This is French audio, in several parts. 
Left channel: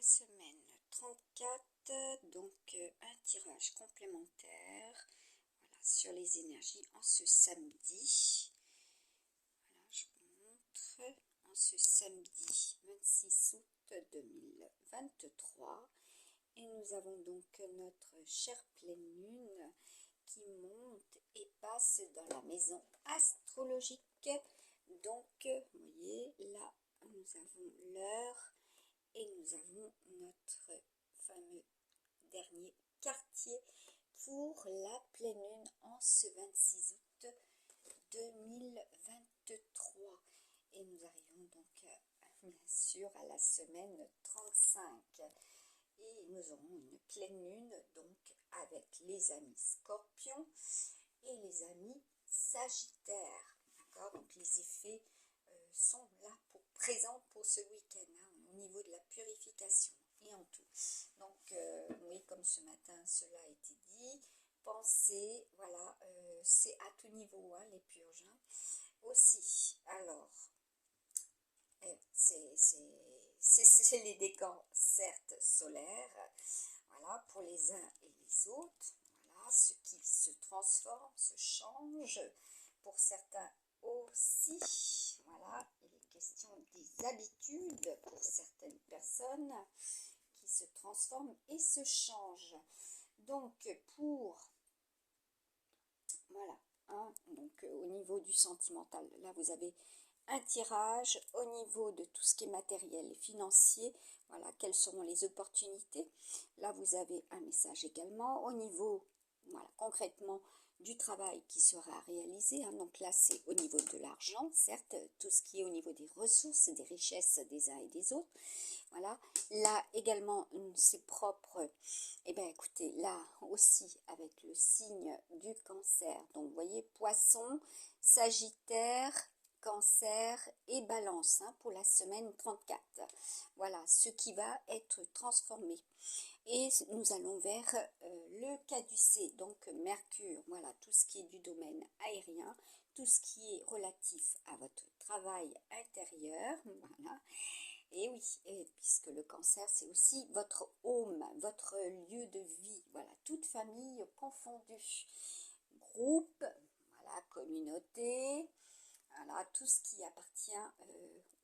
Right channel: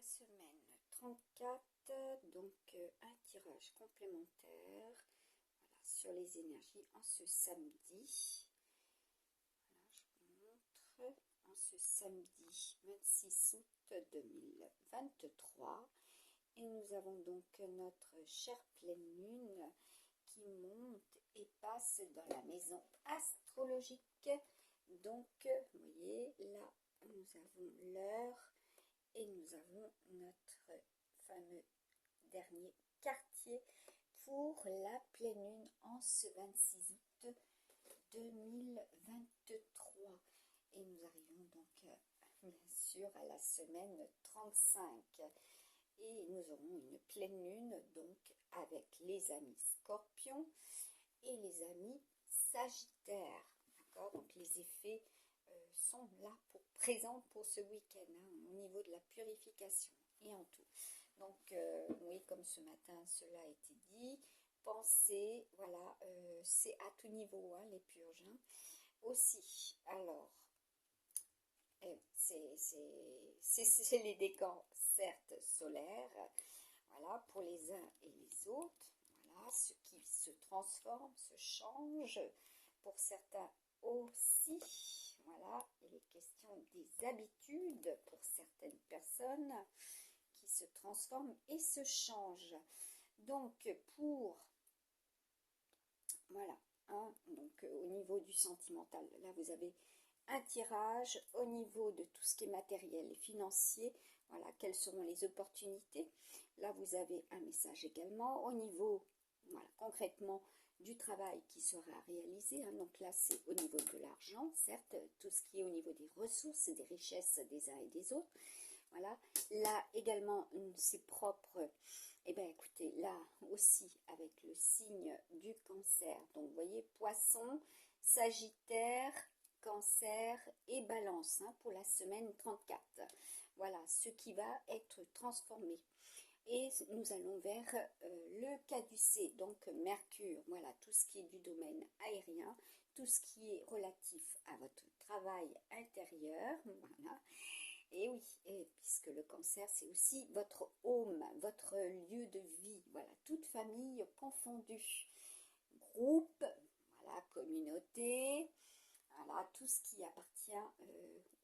la semaine 34, donc un tirage complémentaire, voilà, sur les énergies en ce samedi. Voilà, je vous montre, en ce samedi 26 août 2023. Et nous avons donc notre chère pleine lune qui monte et passe dans la maison astrologique. Donc, vous voyez, là, nous avons l'heure. Et nous avons notre fameux dernier quartier pour la pleine lune en ce 26 août 2023. Et nous arrivons donc bien sûr à la semaine 35. Et nous aurons une pleine lune donc avec les amis scorpions et les amis sagittaires. D'accord? Donc les effets sont là présents pour ce week-end, hein, au niveau de la purification et en tout. Donc, oui, comme ce matin, cela a été dit, pensez, voilà, c'est à tout niveau, hein, les purges. Hein. Aussi, alors, c'est les décors, certes, solaires, voilà, pour les uns et les autres, voilà, ce qui se transforme, se change, pour certains aussi, voilà, il est question des habitudes pour certaines personnes qui se transforment et se changent. Donc, voilà, hein, donc au niveau du sentimental, là vous avez un tirage au niveau de tout ce qui est matériel et financier, voilà, quelles seront les opportunités. Là vous avez un message également au niveau, voilà, concrètement, du travail qui sera réalisé, hein. Donc là c'est au niveau de l'argent, certes, tout ce qui est au niveau des ressources, des richesses des uns et des autres, voilà. Là également c'est propre, et bien écoutez, là aussi avec le signe du cancer, donc vous voyez poisson, sagittaire, cancer et balance, hein, pour la semaine 34, voilà ce qui va être transformé. Et nous allons vers le caducée, donc Mercure, voilà, tout ce qui est du domaine aérien, tout ce qui est relatif à votre travail intérieur, voilà. Et oui, et puisque le cancer, c'est aussi votre home, votre lieu de vie, voilà, toute famille confondue, groupe, voilà, communauté, voilà, tout ce qui appartient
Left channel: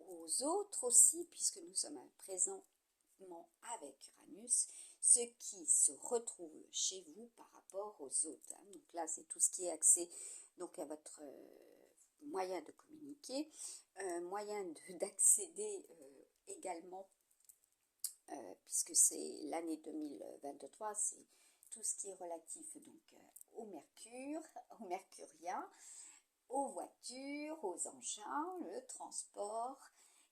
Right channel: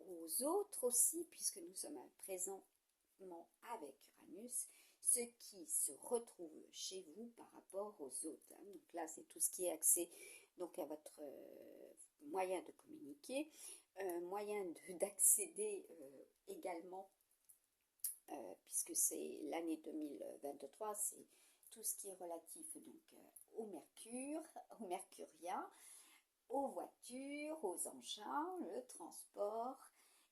aux autres aussi, puisque nous sommes présentement avec Uranus, ce qui se retrouve chez vous par rapport aux autres. Hein. Donc là, c'est tout ce qui est accès donc à votre moyen de communiquer, moyen d'accéder également, puisque c'est l'année 2023, c'est tout ce qui est relatif donc au Mercure, au mercurien, aux voitures, aux engins, le transport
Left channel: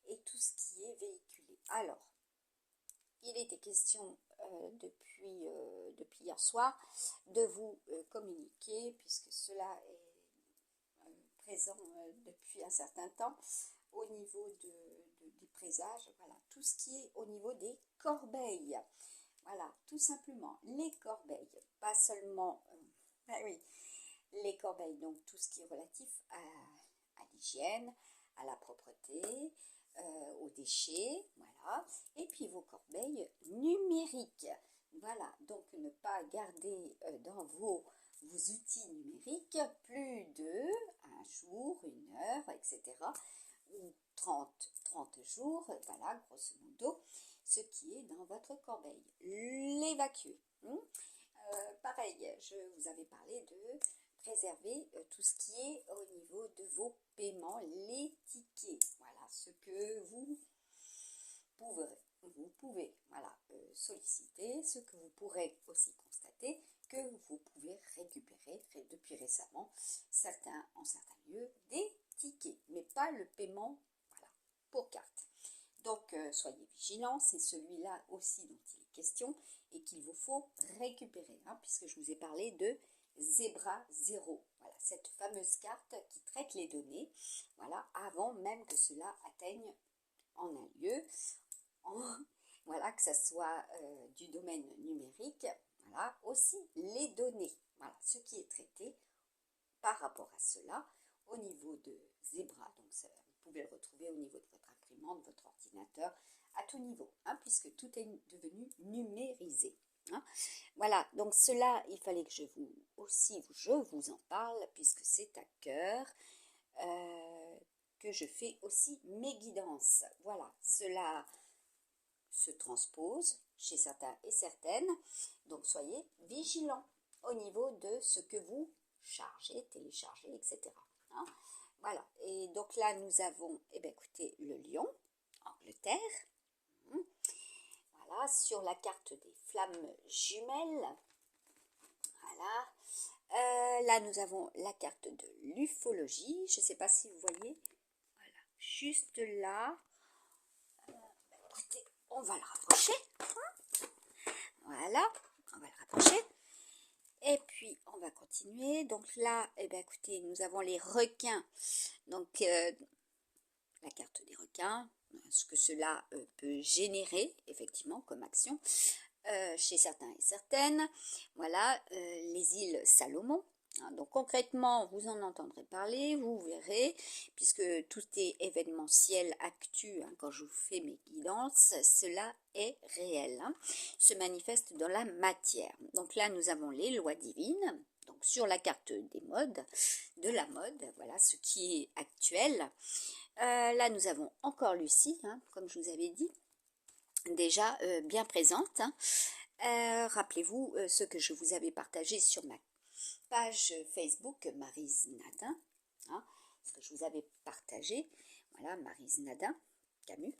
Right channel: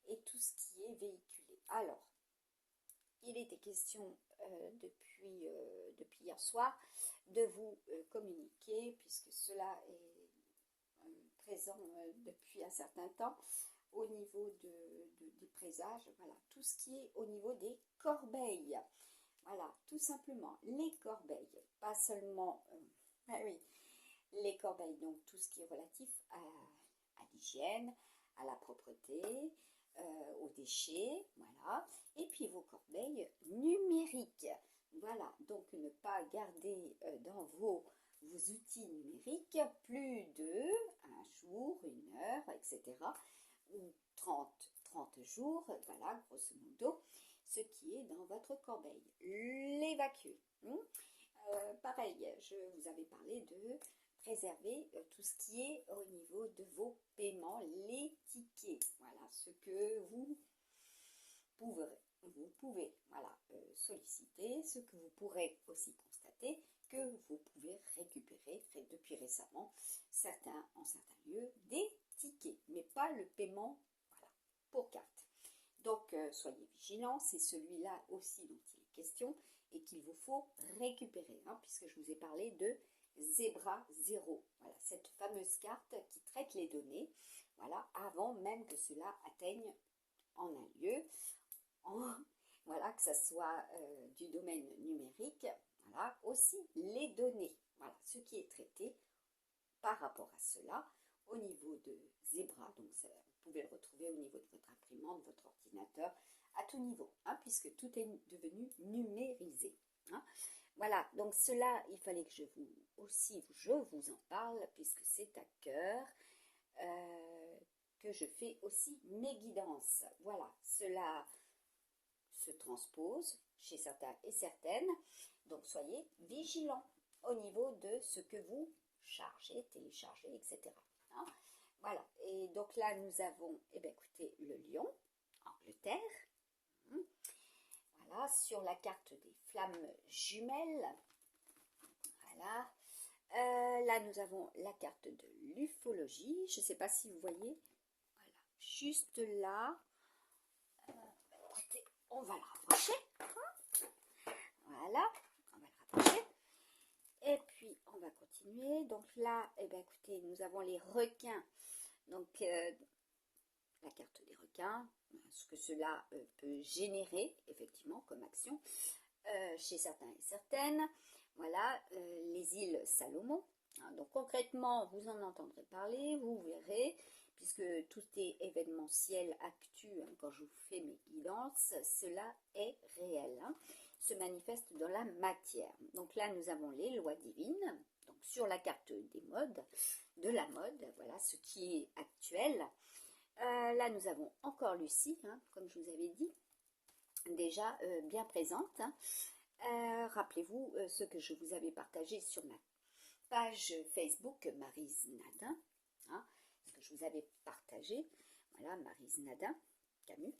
et tout ce qui est véhiculé. Alors, il était question depuis hier soir de vous communiquer, puisque cela est présent depuis un certain temps, au niveau des présages, voilà, tout ce qui est au niveau des corbeilles. Voilà, tout simplement, les corbeilles, pas seulement, oui, les corbeilles, donc tout ce qui est relatif à l'hygiène, à la propreté, aux déchets, voilà, et puis vos corbeilles numériques, voilà, donc ne pas garder dans vos outils numériques plus de un jour, une heure, etc., ou 30 jours, voilà, grosso modo, ce qui est dans votre corbeille, l'évacuer. Pareil, je vous avais parlé de préserver tout ce qui est au niveau de vos paiements, les tickets, voilà, ce que vous pouvez voilà, solliciter, ce que vous pourrez aussi constater que vous pouvez récupérer depuis récemment en certains lieux des tickets, mais pas le paiement, voilà, pour carte. Donc soyez vigilants, c'est celui-là aussi dont il est question et qu'il vous faut récupérer, hein, puisque je vous ai parlé de Zebra 0, voilà, cette fameuse carte qui traite les données, voilà, avant même que cela atteigne en un lieu, voilà, que ce soit du domaine numérique, voilà, aussi les données, voilà, ce qui est traité par rapport à cela au niveau de Zebra, donc ça, vous pouvez le retrouver au niveau de votre imprimante, de votre ordinateur, à tout niveau, hein, puisque tout est devenu numérisé. Hein. Voilà, donc cela, il fallait que je vous en parle, puisque c'est à cœur que je fais aussi mes guidances. Voilà, cela se transpose chez certains et certaines, donc soyez vigilants au niveau de ce que vous chargez, téléchargez, etc. Hein. Voilà, et donc là nous avons, eh bien, écoutez, le lion, Angleterre. Voilà, sur la carte des flammes jumelles. Voilà. Là, nous avons la carte de l'ufologie. Je ne sais pas si vous voyez. Voilà, juste là. Écoutez, on va le rapprocher. Voilà, on va le rapprocher. Et puis, on va continuer. Donc là, eh bien, écoutez, nous avons les requins. Donc, la carte des requins, ce que cela peut générer, effectivement, comme action. Chez certains et certaines. Voilà, les îles Salomon. Hein, donc concrètement, vous en entendrez parler, vous verrez, puisque tout est événementiel, actu, hein, quand je vous fais mes guidances, cela est réel, hein, se manifeste dans la matière. Donc là, nous avons les lois divines, donc sur la carte des modes, de la mode, voilà, ce qui est actuel. Là, nous avons encore Lucie, hein, comme je vous avais dit, déjà bien présente. Hein. Rappelez-vous ce que je vous avais partagé sur ma page Facebook Maryse Nadin, hein, ce que je vous avais partagé, voilà, Maryse Nadin, Camus.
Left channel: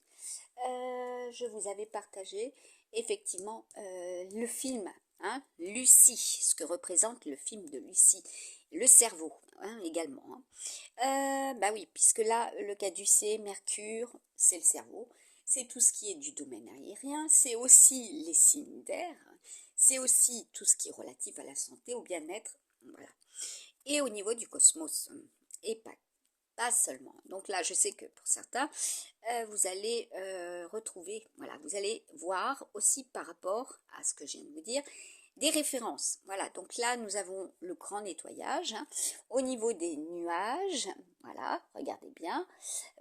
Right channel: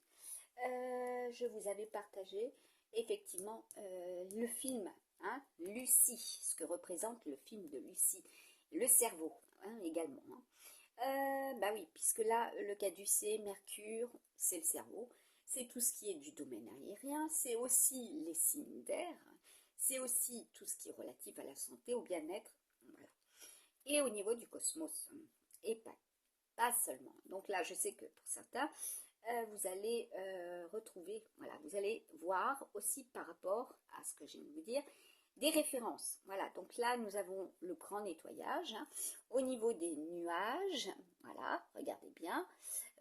Je vous avais partagé effectivement le film, hein, Lucie, ce que représente le film de Lucie, le cerveau, hein, également. Hein. Bah oui, puisque là, le caducée, Mercure, c'est le cerveau. C'est tout ce qui est du domaine aérien, c'est aussi les signes d'air, c'est aussi tout ce qui est relatif à la santé, au bien-être, voilà. Et au niveau du cosmos, et pas seulement. Donc là, je sais que pour certains, vous allez retrouver, voilà, vous allez voir aussi par rapport à ce que je viens de vous dire, des références. Voilà, donc là, nous avons le grand nettoyage. Hein. Au niveau des nuages, voilà, regardez bien,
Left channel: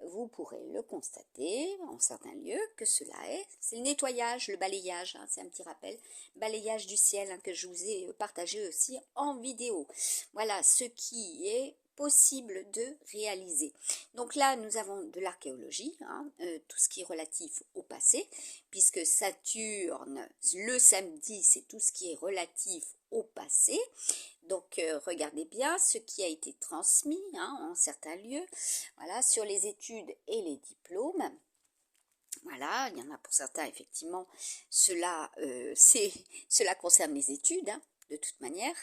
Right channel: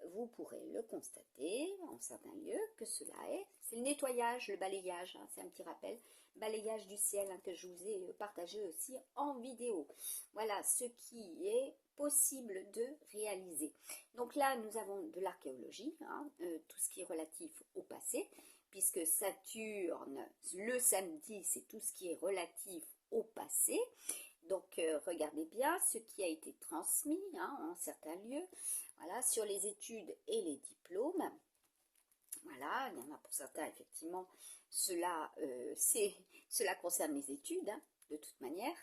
vous pourrez le constater en certains lieux que cela c'est le nettoyage, le balayage, hein, c'est un petit rappel, balayage du ciel hein, que je vous ai partagé aussi en vidéo. Voilà, ce qui est possible de réaliser. Donc là, nous avons de l'archéologie, hein, tout ce qui est relatif au passé, puisque Saturne, le samedi, c'est tout ce qui est relatif au passé. Donc, regardez bien ce qui a été transmis hein, en certains lieux, voilà, sur les études et les diplômes. Voilà, il y en a pour certains, effectivement, cela concerne les études, hein, de toute manière.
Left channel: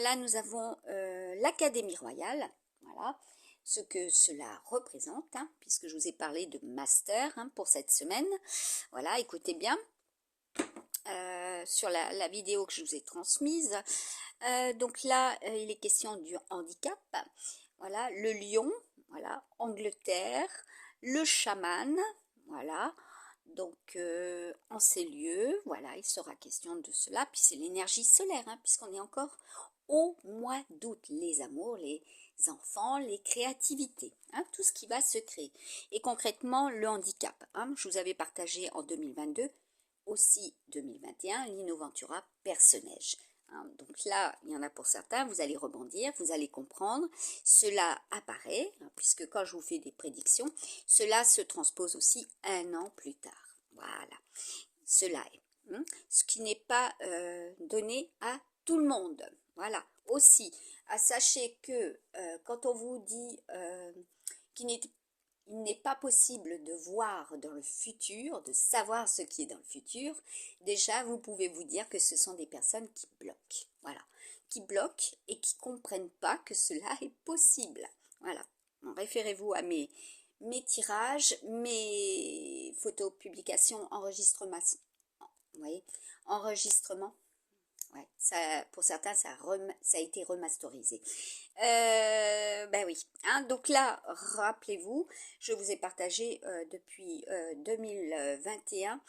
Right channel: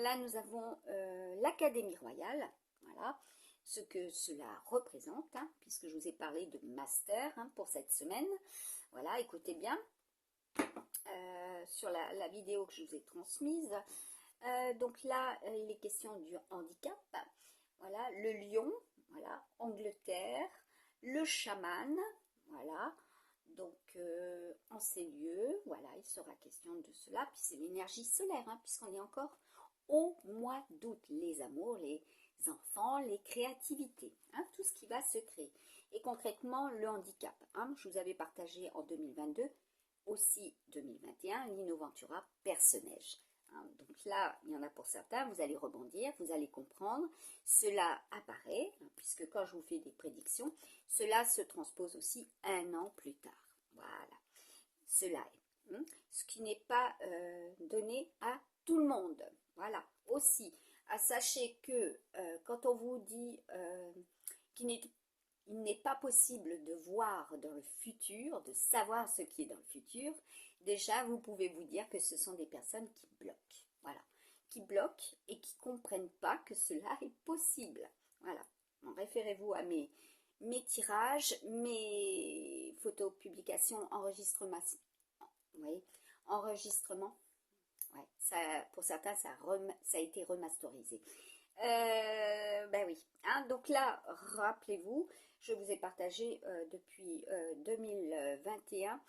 Là, nous avons l'Académie royale, voilà, ce que cela représente, hein, puisque je vous ai parlé de master hein, pour cette semaine. Voilà, écoutez bien, sur la vidéo que je vous ai transmise. Donc là, il est question du handicap. Voilà, le lion, voilà, Angleterre, le chaman, voilà. Donc, en ces lieux, voilà, il sera question de cela. Puis c'est l'énergie solaire, hein, puisqu'on est encore au mois d'août. Les amours, les enfants, les créativités, hein, tout ce qui va se créer. Et concrètement, le handicap. Hein, je vous avais partagé en 2022, aussi 2021, l'Innoventura Personnage. Hein, donc là, il y en a pour certains, vous allez rebondir, vous allez comprendre. Cela apparaît, hein, puisque quand je vous fais des prédictions, cela se transpose aussi un an plus tard. Voilà, cela est. Hein, ce qui n'est pas donné à tout le monde. Voilà, aussi, sachez que quand on vous dit qu'il n'est pas possible de voir dans le futur, de savoir ce qui est dans le futur, déjà vous pouvez vous dire que ce sont des personnes qui bloquent. Voilà, qui bloquent et qui ne comprennent pas que cela est possible. Voilà, référez-vous à mes tirages, mes photos, publications, enregistrements. Vous voyez, enregistrement. Ouais, ça, pour certains, ça a été remasterisé. Ben oui. Hein, donc là, rappelez-vous, je vous ai partagé depuis 2021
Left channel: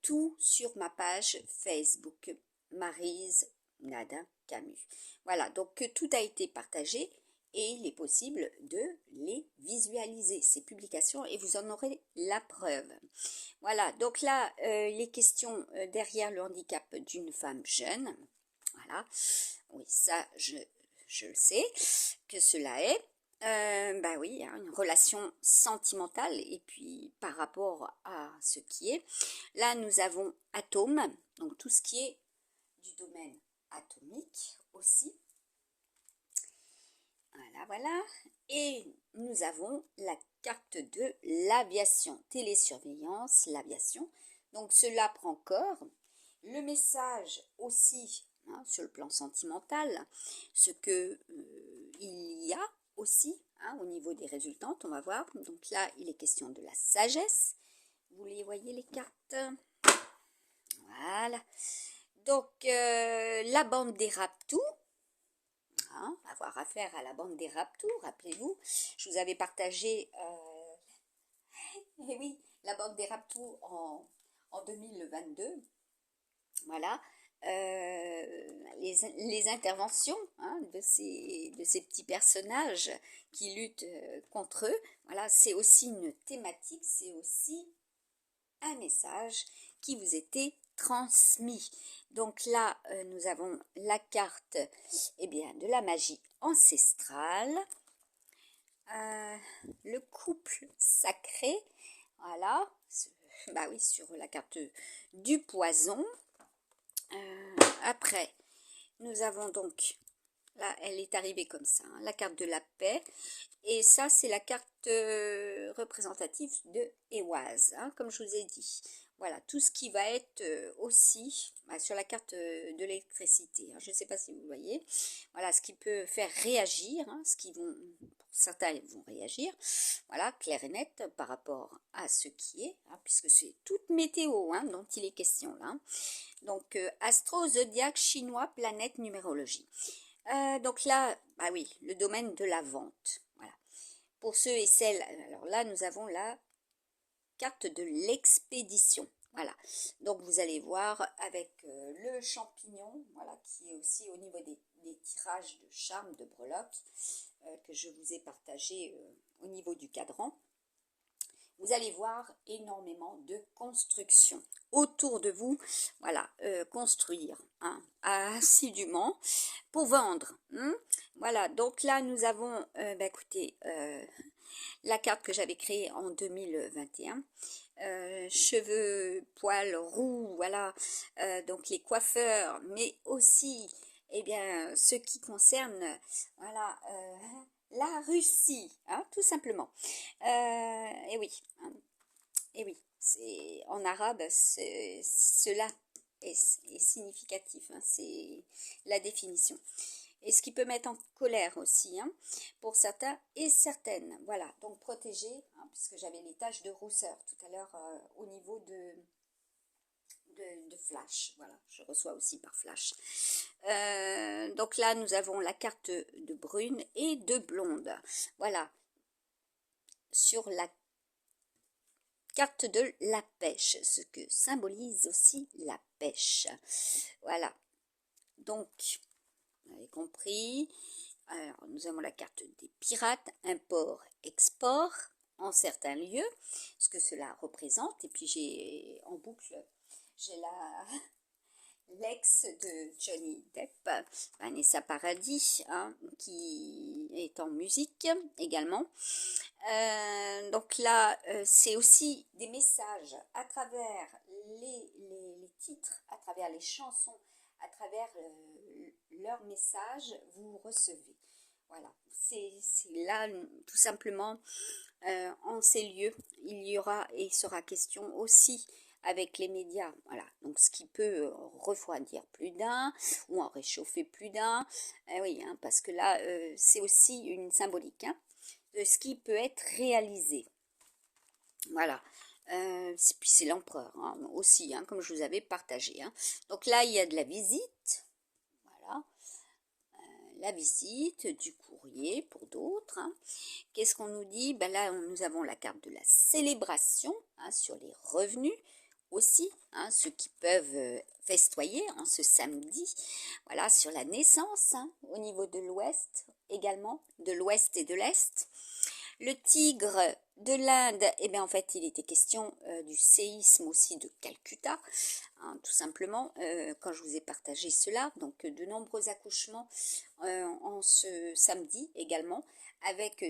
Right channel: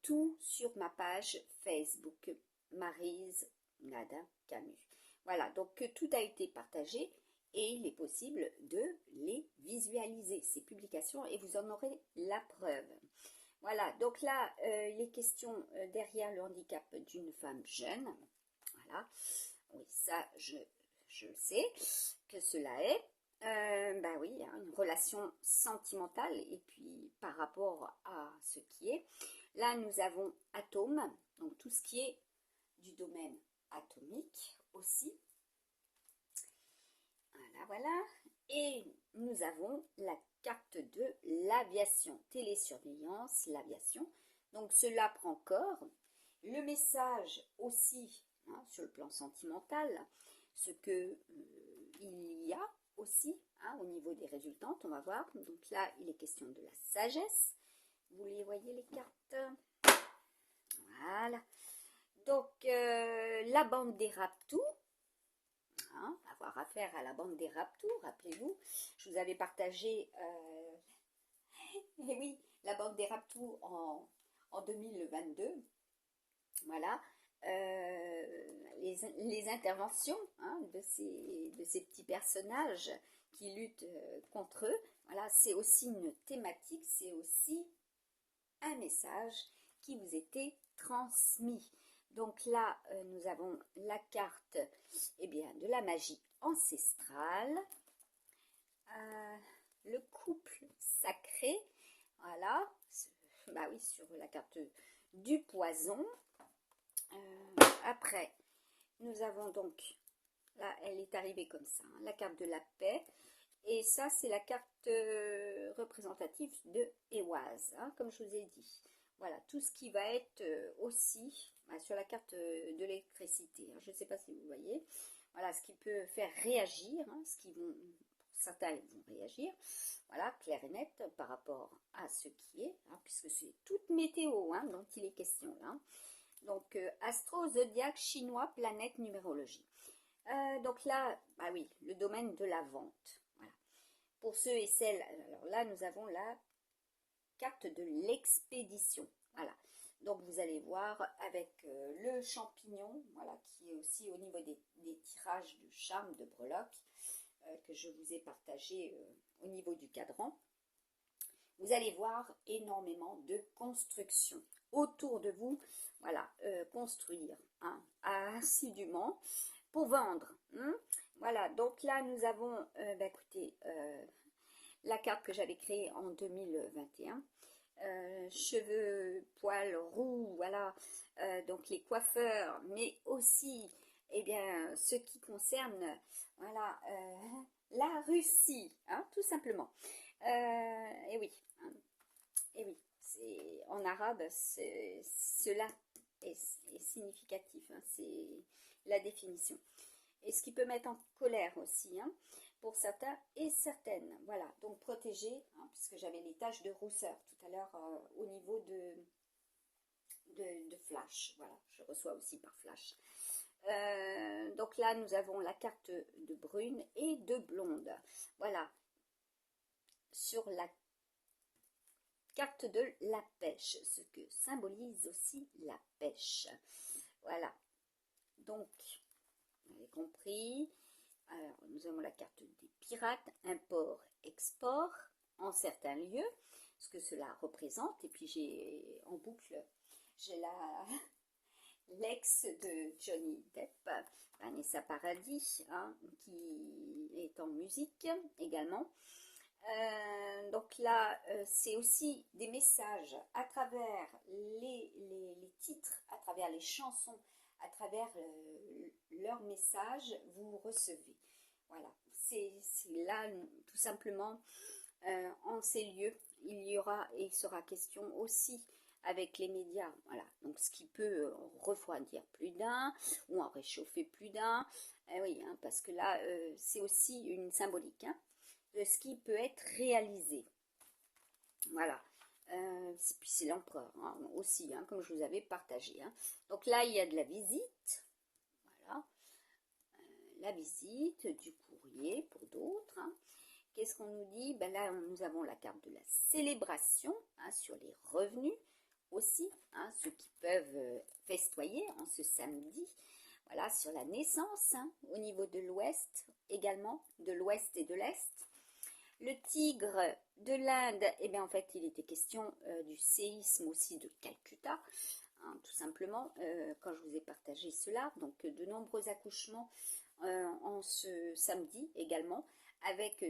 tout sur ma page Facebook Maryse Nadin Camus. Voilà, donc tout a été partagé et il est possible de les visualiser, ces publications, et vous en aurez la preuve. Voilà, donc là, les questions derrière le handicap d'une femme jeune. Voilà, oui, ça, je le sais que cela est. Bah oui, hein, une relation sentimentale, et puis par rapport à ce qui est. Là, nous avons atome, donc tout ce qui est du domaine atomique aussi. Voilà, voilà. Et nous avons la carte de l'aviation, télésurveillance, l'aviation. Donc cela prend corps. Le message aussi, hein, sur le plan sentimental, ce que il y a aussi, hein, au niveau des résultantes, on va voir. Donc là, il est question de la sagesse. Vous les voyez, les cartes? Voilà. Donc, la bande des Raptous. Hein, avoir affaire à la bande des Raptous, rappelez-vous, je vous avais partagé eh oui, la bande des Raptous en 2022. Voilà, les interventions, hein, de ces petits personnages qui luttent contre eux. Voilà, c'est aussi une thématique, c'est aussi un message qui vous était transmis. Donc là, nous avons la carte, eh bien, de la magie ancestrale, le couple sacré, voilà, bah oui, sur la carte du poison. Après, nous avons donc, là, elle est arrivée comme ça, hein, la carte de la paix. Et ça, c'est la carte représentative de Ehwaz, hein, comme je vous ai dit. Voilà, tout ce qui va être aussi sur la carte de l'électricité. Hein, je ne sais pas si vous voyez. Voilà, ce qui peut faire réagir, hein, certains vont réagir. Voilà, clair et net par rapport à ce qui est, hein, puisque c'est toute météo, hein, dont il est question là. Donc, astro, zodiaque, chinois, planète, numérologie. Donc là, bah oui, le domaine de la vente. Voilà. Pour ceux et celles, alors là, nous avons la carte de l'expédition. Voilà. Donc vous allez voir avec le champignon, voilà, qui est aussi au niveau des tirages de charme de breloques que je vous ai partagé au niveau du cadran. Vous allez voir énormément de construction autour de vous. Voilà, construire, hein, assidûment pour vendre. Hein. Voilà, donc là nous avons, bah, écoutez, la carte que j'avais créée en 2021. Cheveux, poils roux, voilà, donc les coiffeurs, mais aussi, eh bien, ce qui concerne, voilà, la Russie, hein, tout simplement. Et oui, hein, et oui, c'est en arabe, cela est significatif, hein, c'est la définition. Et ce qui peut mettre en colère aussi, hein, pour certains et certaines. Voilà, donc protéger, hein, puisque j'avais les taches de rousseur tout à l'heure au niveau de flash. Voilà, je reçois aussi par flash. Donc là, nous avons la carte de brune et de blonde. Voilà, sur la carte de la pêche, ce que symbolise aussi la pêche. Voilà, donc, vous avez compris. Alors, nous avons la carte des pirates, import-export en certains lieux, ce que cela représente. Et puis j'ai en boucle, j'ai l'ex de Johnny Depp, Vanessa Paradis, hein, qui est en musique également. Donc là, c'est aussi des messages à travers les titres, à travers les chansons, à travers leurs messages, vous recevez. Voilà, c'est là tout simplement en ces lieux, il y aura et il sera question aussi avec les médias, voilà, donc ce qui peut refroidir plus d'un ou en réchauffer plus d'un, oui, hein, parce que là c'est aussi une symbolique, hein, de ce qui peut être réalisé. Voilà. Puis c'est l'empereur, hein, aussi, hein, comme je vous avais partagé. Hein. Donc là, il y a de la visite. Voilà. La visite, du courrier pour d'autres. Hein. Qu'est-ce qu'on nous dit? Ben là, nous avons la carte de la célébration, hein, sur les revenus aussi, hein, ceux qui peuvent festoyer en ce samedi. Voilà, sur la naissance, hein, au niveau de l'ouest également, de l'ouest et de l'est. Le tigre de l'Inde, eh bien en fait il était question du séisme aussi de Calcutta, hein, tout simplement, quand je vous ai partagé cela. Donc de nombreux accouchements en ce samedi également, avec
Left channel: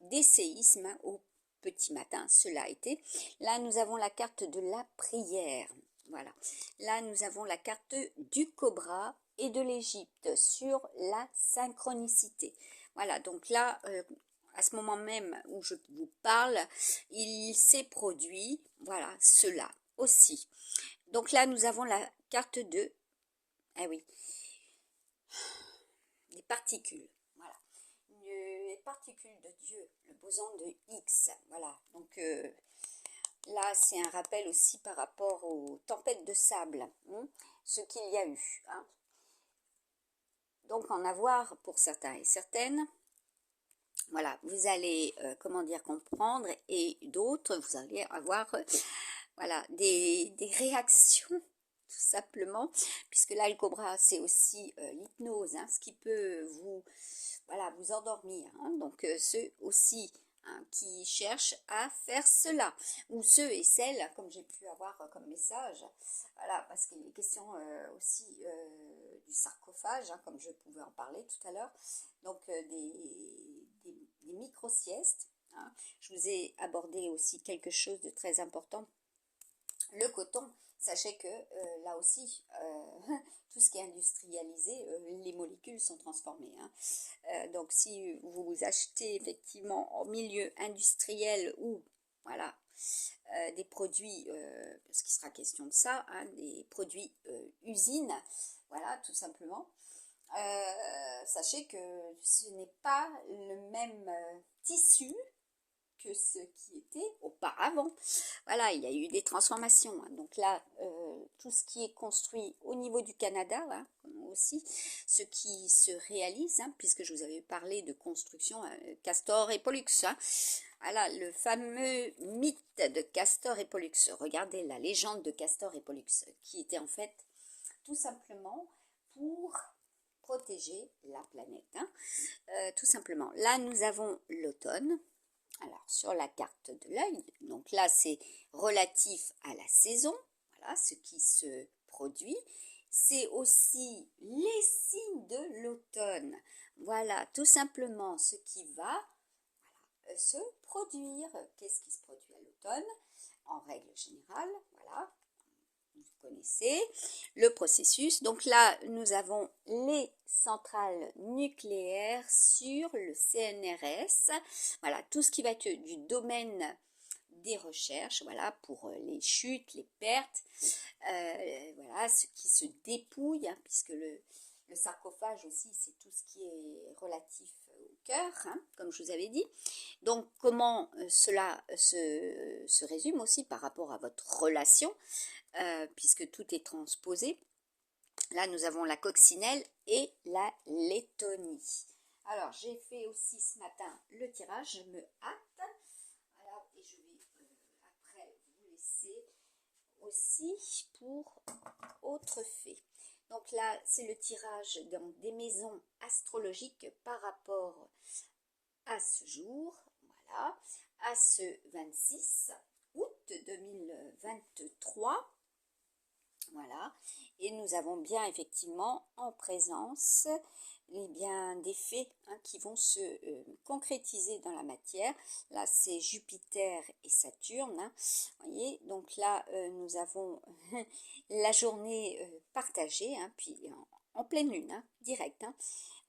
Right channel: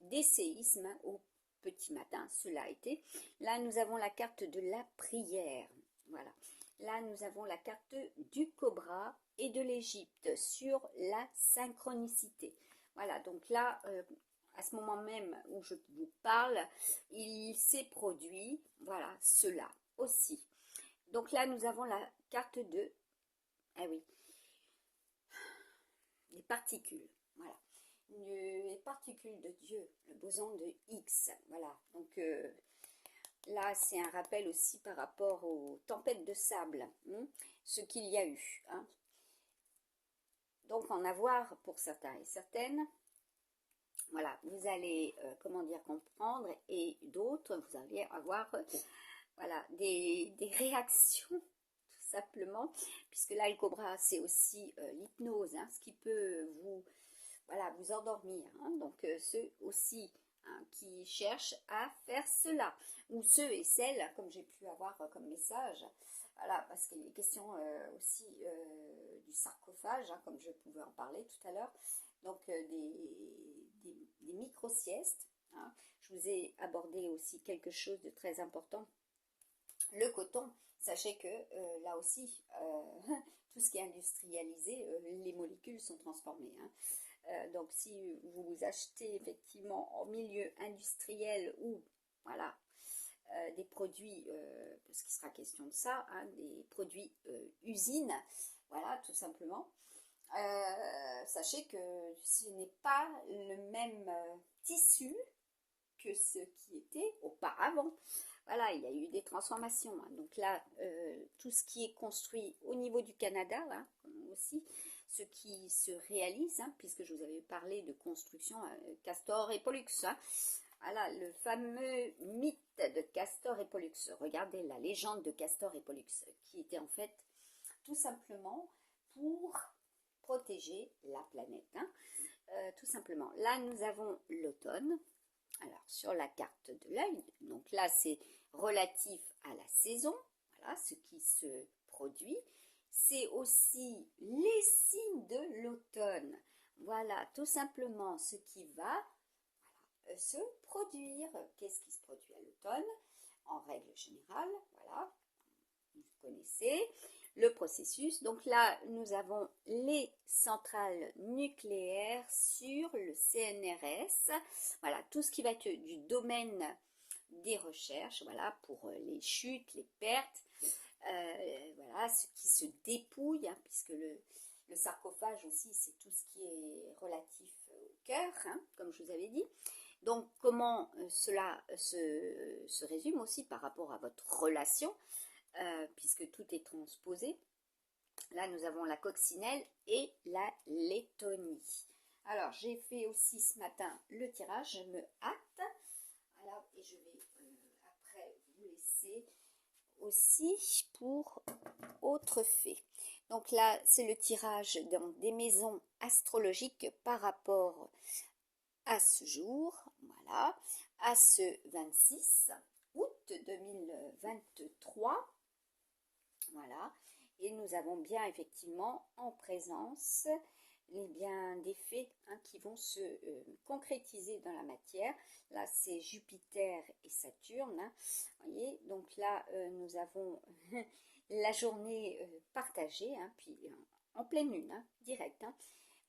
des séismes au petit matin, cela a été. Là nous avons la carte de la prière, voilà. Là nous avons la carte du cobra et de l'Égypte sur la synchronicité. Voilà, donc là, à ce moment même où je vous parle, il s'est produit, voilà, cela aussi. Donc là, nous avons la carte de, ah oui, les particules, voilà. Les particules de Dieu, le boson de Higgs, voilà. Donc là, c'est un rappel aussi par rapport aux tempêtes de sable, hein, ce qu'il y a eu, hein. Donc en avoir pour certains et certaines. Voilà, vous allez, comment dire, comprendre, et d'autres, vous allez avoir, voilà, des réactions, tout simplement, puisque là, le cobra, c'est aussi l'hypnose, hein, ce qui peut vous, voilà, vous endormir, hein. Donc, ceux aussi, hein, qui cherchent à faire cela, ou ceux et celles, comme j'ai pu avoir comme message, voilà, parce qu'il est question aussi du sarcophage, hein, comme je pouvais en parler tout à l'heure, donc des micro-siestes, hein. Je vous ai abordé aussi quelque chose de très important, le coton. Sachez que là aussi, tout ce qui est industrialisé, les molécules sont transformées, hein. Donc si vous achetez effectivement en milieu industriel ou voilà, des produits, parce qu'il sera question de ça, hein, des produits usines, voilà, tout simplement, sachez que ce n'est pas le même tissu que ce qui était auparavant. Voilà, il y a eu des transformations, hein. Donc là, tout ce qui est construit au niveau du Canada, hein, aussi, ce qui se réalise, hein, puisque je vous avais parlé de construction Castor et Pollux, hein. Voilà, le fameux mythe de Castor et Pollux. Regardez la légende de Castor et Pollux, qui était en fait tout simplement pour protéger la planète, hein. Tout simplement. Là, nous avons l'automne. Alors, sur la carte de l'œil, donc là, c'est relatif à la saison, voilà, ce qui se produit. C'est aussi les signes de l'automne. Voilà, tout simplement ce qui va se produire. Qu'est-ce qui se produit à l'automne? En règle générale, voilà, vous connaissez le processus. Donc là, nous avons les centrales nucléaires sur le CNRS. Voilà, tout ce qui va être du domaine des recherches, voilà, pour les chutes, les pertes, voilà, ce qui se dépouille, hein, puisque le sarcophage aussi, c'est tout ce qui est relatif au cœur, hein, comme je vous avais dit. Donc, comment cela se résume aussi par rapport à votre relation, puisque tout est transposé. Là, nous avons la coccinelle et la Lettonie. Alors, j'ai fait aussi ce matin le tirage, je me hâte. Alors, et je vais après vous laisser aussi pour autre fait. Donc là, c'est le tirage dans des maisons astrologiques par rapport à ce jour, voilà, à ce 26 août 2023. Voilà, et nous avons bien effectivement en présence bien des faits, hein, qui vont se concrétiser dans la matière. Là, c'est Jupiter et Saturne, hein, voyez. Donc là, nous avons la journée partagée, hein, puis en pleine lune, hein, direct, hein.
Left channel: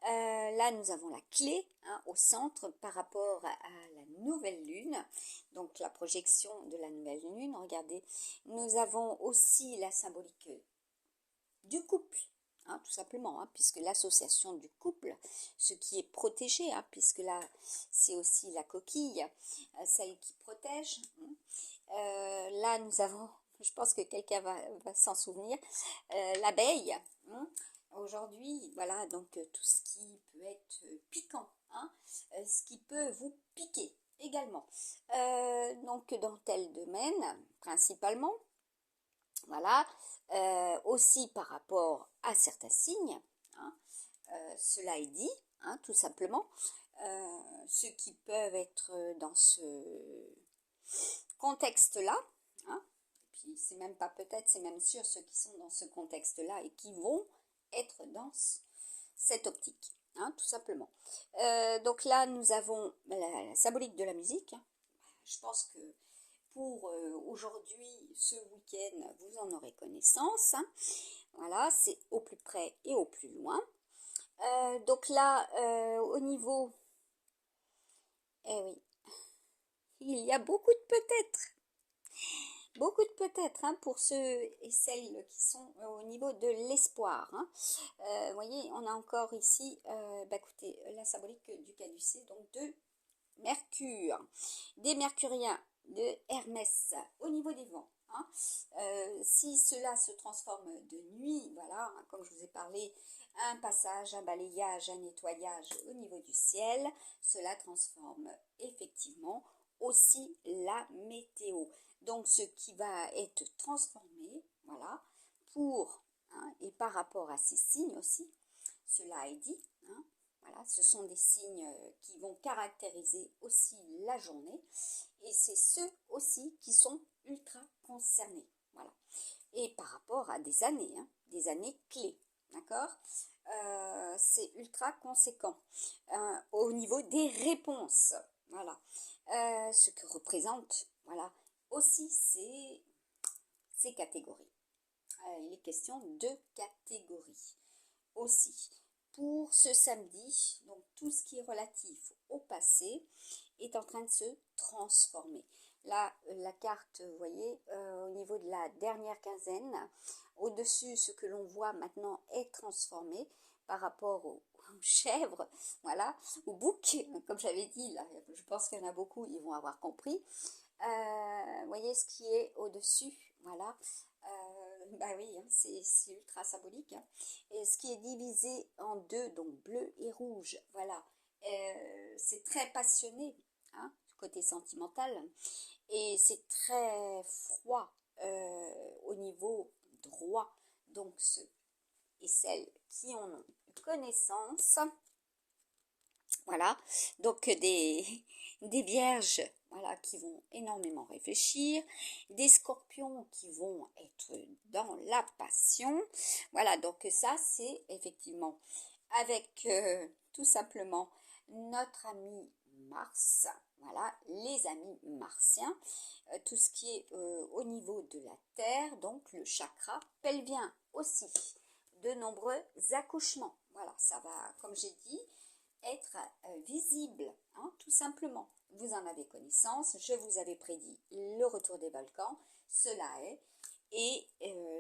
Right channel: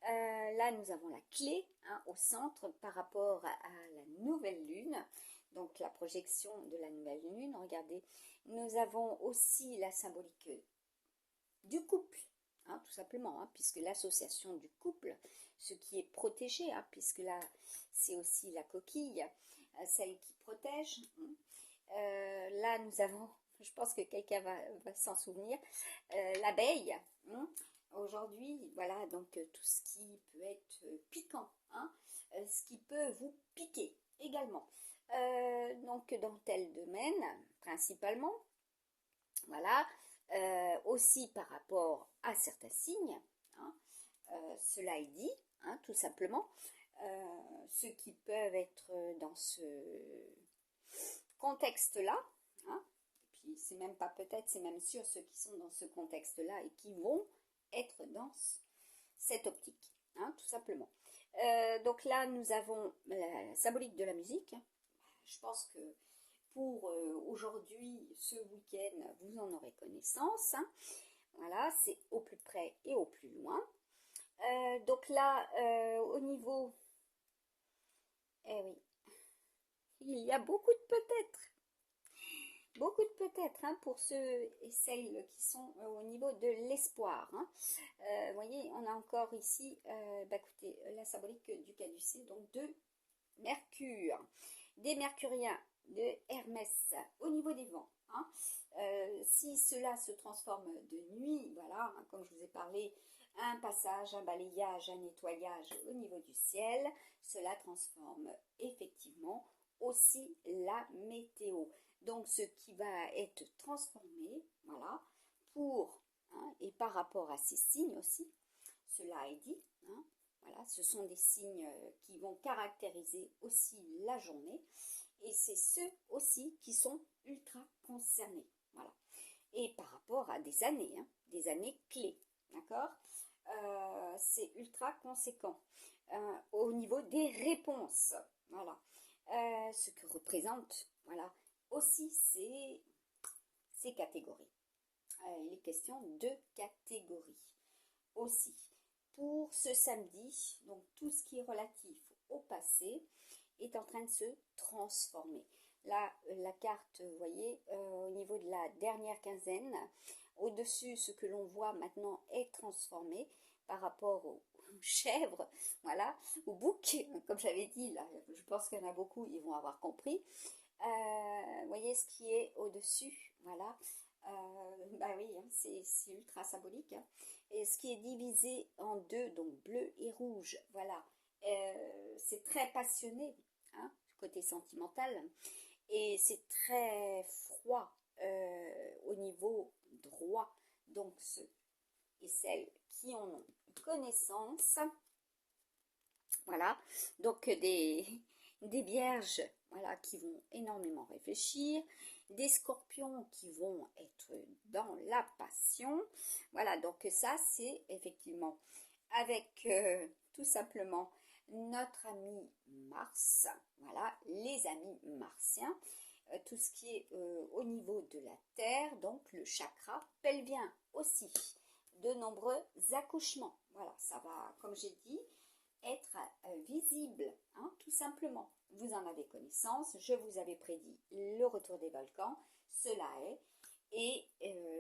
Là, nous avons la clé, hein, au centre par rapport à la nouvelle lune, donc la projection de la nouvelle lune. Regardez, nous avons aussi la symbolique du couple, hein, tout simplement, hein, puisque l'association du couple, ce qui est protégé, hein, puisque là, c'est aussi la coquille, celle qui protège, hein. Là, nous avons, je pense que quelqu'un va s'en souvenir, l'abeille, hein. Aujourd'hui, voilà, donc tout ce qui peut être piquant, hein, ce qui peut vous piquer également. Donc dans tel domaine, principalement, voilà, aussi par rapport à certains signes, hein, cela est dit, hein, tout simplement. Ceux qui peuvent être dans ce contexte-là, hein, puis c'est même pas peut-être, c'est même sûr ceux qui sont dans ce contexte-là et qui vont être dans cette optique, hein, tout simplement. Donc là, nous avons la symbolique de la musique. Je pense que pour aujourd'hui, ce week-end, vous en aurez connaissance, hein. Voilà, c'est au plus près et au plus loin. Donc là, au niveau... Eh oui, il y a beaucoup de peut-être. Beaucoup de peut-être, hein, pour ceux et celles qui sont au niveau de l'espoir, hein. Vous voyez, on a encore ici, écoutez, la symbolique du caducée, donc de Mercure, des Mercuriens, de Hermès, au niveau des vents, hein. Si cela se transforme de nuit, voilà, hein, comme je vous ai parlé, un passage, un balayage, un nettoyage au niveau du ciel, cela transforme effectivement aussi la météo. Donc ce qui va être transformé, voilà, pour, hein, et par rapport à ces signes aussi, cela est dit, hein, voilà, ce sont des signes qui vont caractériser aussi la journée et c'est ceux aussi qui sont ultra concernés, voilà. Et par rapport à des années clés, d'accord, c'est ultra conséquent au niveau des réponses, voilà. Ce que représente, voilà, aussi ces catégories. Il est question de catégories aussi. Pour ce samedi, donc tout ce qui est relatif au passé est en train de se transformer. Là, la carte, vous voyez, au niveau de la dernière quinzaine, au-dessus, ce que l'on voit maintenant est transformé par rapport aux chèvres, voilà, aux boucs, comme j'avais dit, là, je pense qu'il y en a beaucoup, ils vont avoir compris. Vous voyez ce qui est au-dessus, voilà. Bah oui, hein, c'est ultra symbolique, hein. Et ce qui est divisé en deux, donc bleu et rouge, voilà. C'est très passionné, hein, côté sentimental, et c'est très froid au niveau droit. Donc ceux et celles qui en ont connaissance, voilà, donc des vierges, voilà, qui vont énormément réfléchir, des scorpions qui vont être dans la passion, voilà, donc ça c'est effectivement avec tout simplement notre ami Mars, voilà, les amis martiens, tout ce qui est au niveau de la Terre, donc le chakra pelvien aussi, de nombreux accouchements, voilà, ça va, comme j'ai dit, être visible, hein, tout simplement. Vous en avez connaissance, je vous avais prédit le retour des volcans, cela est, et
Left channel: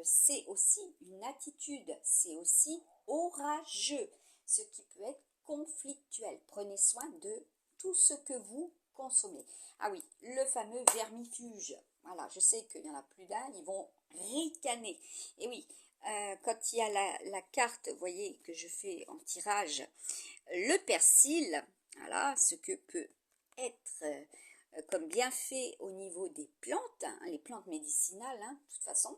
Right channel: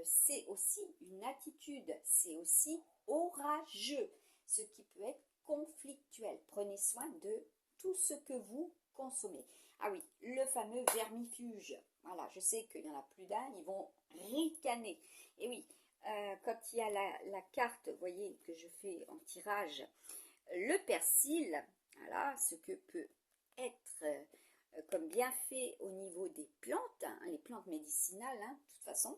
c'est aussi une attitude, c'est aussi orageux, ce qui peut être conflictuel. Prenez soin de tout ce que vous consommez. Ah oui, le fameux vermifuge, voilà, je sais qu'il y en a plus d'un, ils vont ricaner, et oui, quand il y a la carte, vous voyez, que je fais en tirage, le persil, voilà, ce que peut être comme bienfait au niveau des plantes, hein, les plantes médicinales, hein, de toute façon,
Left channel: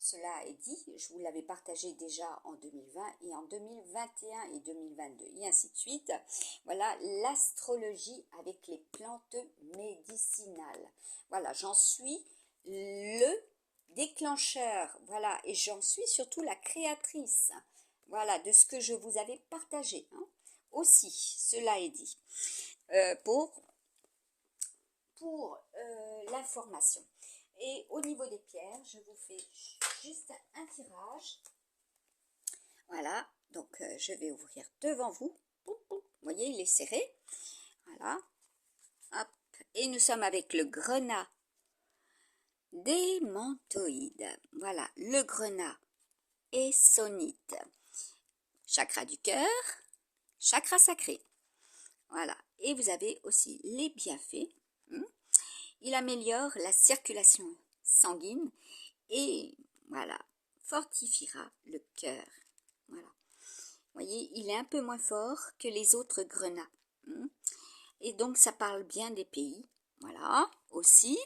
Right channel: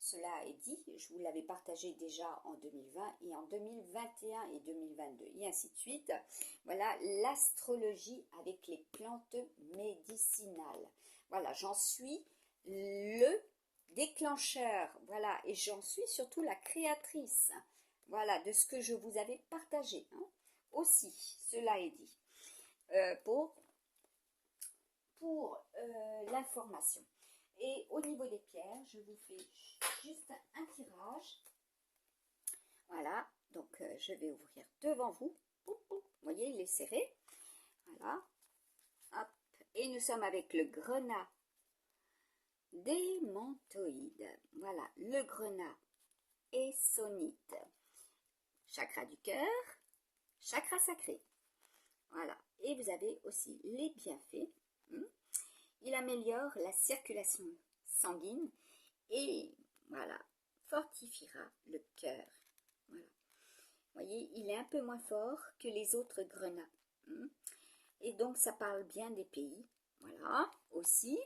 cela est dit, je vous l'avais partagé déjà en 2020 et en 2021 et 2022 et ainsi de suite. Voilà l'astrologie avec les plantes médicinales. Voilà, j'en suis le déclencheur, voilà, et j'en suis surtout la créatrice, voilà, de ce que je vous avais partagé, hein. Aussi, cela est dit, pour l'information. Et au niveau des pierres, je vous fais juste un tirage. Voilà, donc je vais ouvrir devant vous. Vous voyez, il est serré. Voilà, hop. Et nous sommes avec le grenat démantoïde. Voilà, le grenat essonite. Chakra du cœur, chakra sacré. Voilà, et vous avez aussi les bienfaits. Il améliore la circulation sanguine et voilà, fortifiera le cœur. Voilà. Vous voyez, il est un peu moins fort que les autres grenats. Et donc, ça parle bien des pays. Voilà, aussi.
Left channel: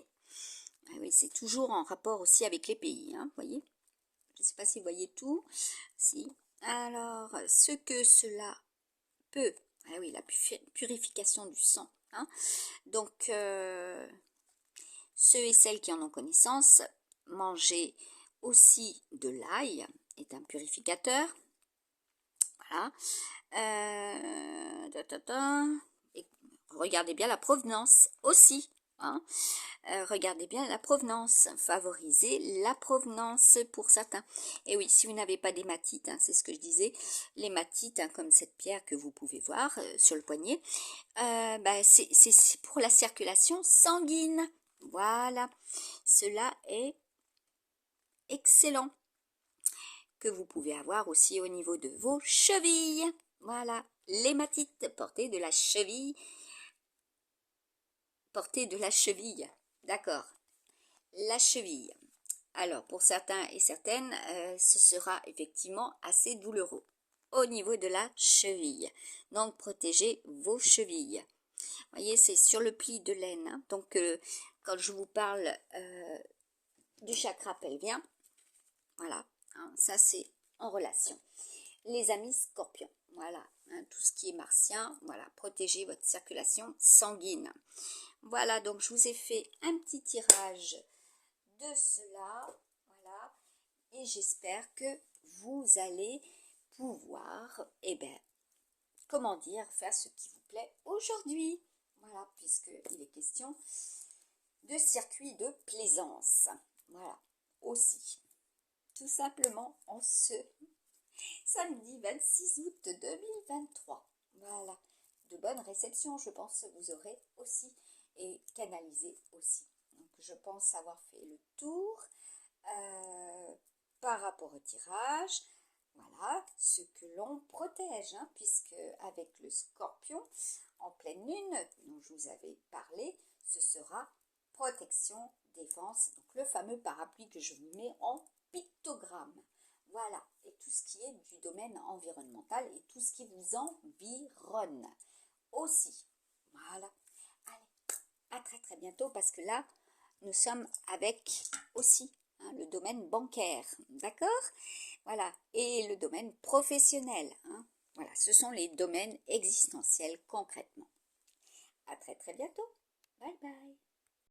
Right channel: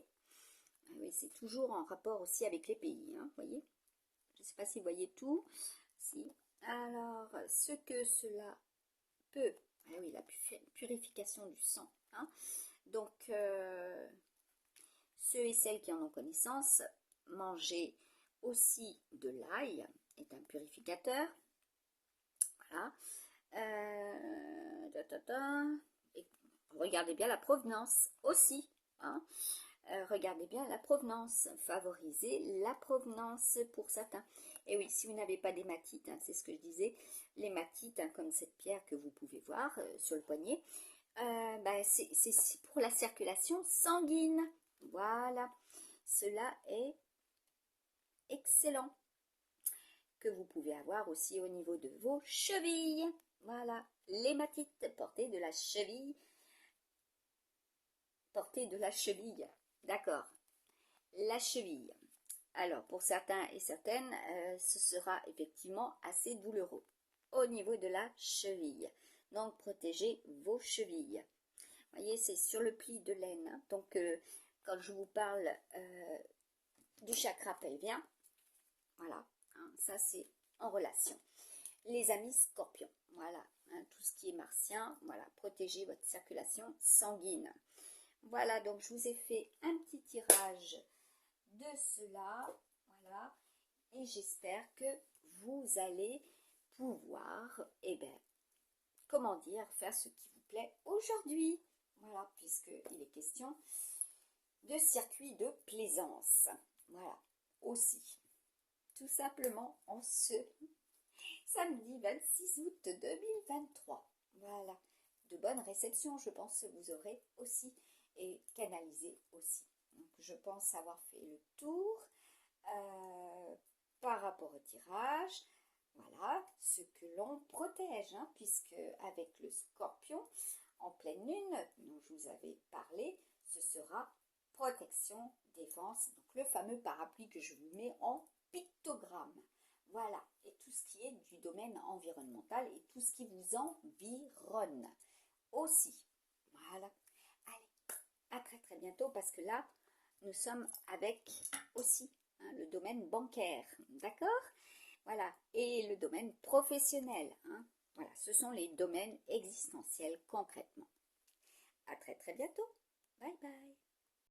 Ah oui, c'est toujours en rapport aussi avec les pays, hein, vous voyez. Je ne sais pas si vous voyez tout. Si. Alors, ce que cela peut, Ah oui, la purification du sang. Hein. Donc, ceux et celles qui en ont connaissance, manger aussi de l'ail est un purificateur. Voilà. Et regardez bien la provenance aussi. Hein. Regardez bien la provenance, favorisez la provenance pour certains. Et oui, si vous n'avez pas d'hématite, hein, c'est ce que je disais, l'hématite, hein, comme cette pierre que vous pouvez voir sur le poignet, c'est pour la circulation sanguine. Voilà, cela est excellent. Que vous pouvez avoir aussi au niveau de vos chevilles. Voilà, l'hématite, portée de la cheville. Portée de la cheville, d'accord. La cheville. Alors, pour certains et certaines, ce sera effectivement assez douloureux au niveau de la cheville. Donc, protégez vos chevilles. Vous voyez, c'est sur le pli de l'aine. Hein. Donc, quand je vous parle du chakra pelvien, voilà, hein, ça c'est en relation. Les amis scorpions, voilà, hein, tout ce qui est martien, voilà, protégez votre circulation sanguine. Voilà, donc je vous ai fait un petit tirage de cela, voilà, et j'espère que vous allez pouvoir, comment dire, faire ce qui vous plaît aujourd'hui. Voilà, puisqu'il est question de circuit de plaisance. Voilà, aussi. Tout simplement en ce samedi 26 août 2023. Voilà, de bonnes réceptions, je pense que vous aurez aussi et canalisé aussi. Donc, je pense avoir fait le tour par rapport au tirage. Voilà, ce que l'on protège, hein, puisque avec le scorpion en pleine lune, dont je vous avais parlé, ce sera protection, défense, donc le fameux parapluie que je vous mets en pictogramme. Voilà, et tout ce qui est du domaine environnemental et tout ce qui vous environne aussi. Voilà, allez, à très très bientôt parce que là, nous sommes avec aussi hein, le domaine bancaire, d'accord? Voilà, et le domaine professionnel. Hein. Voilà, ce sont les domaines existentiels concrètement. À très très bientôt. Bye bye.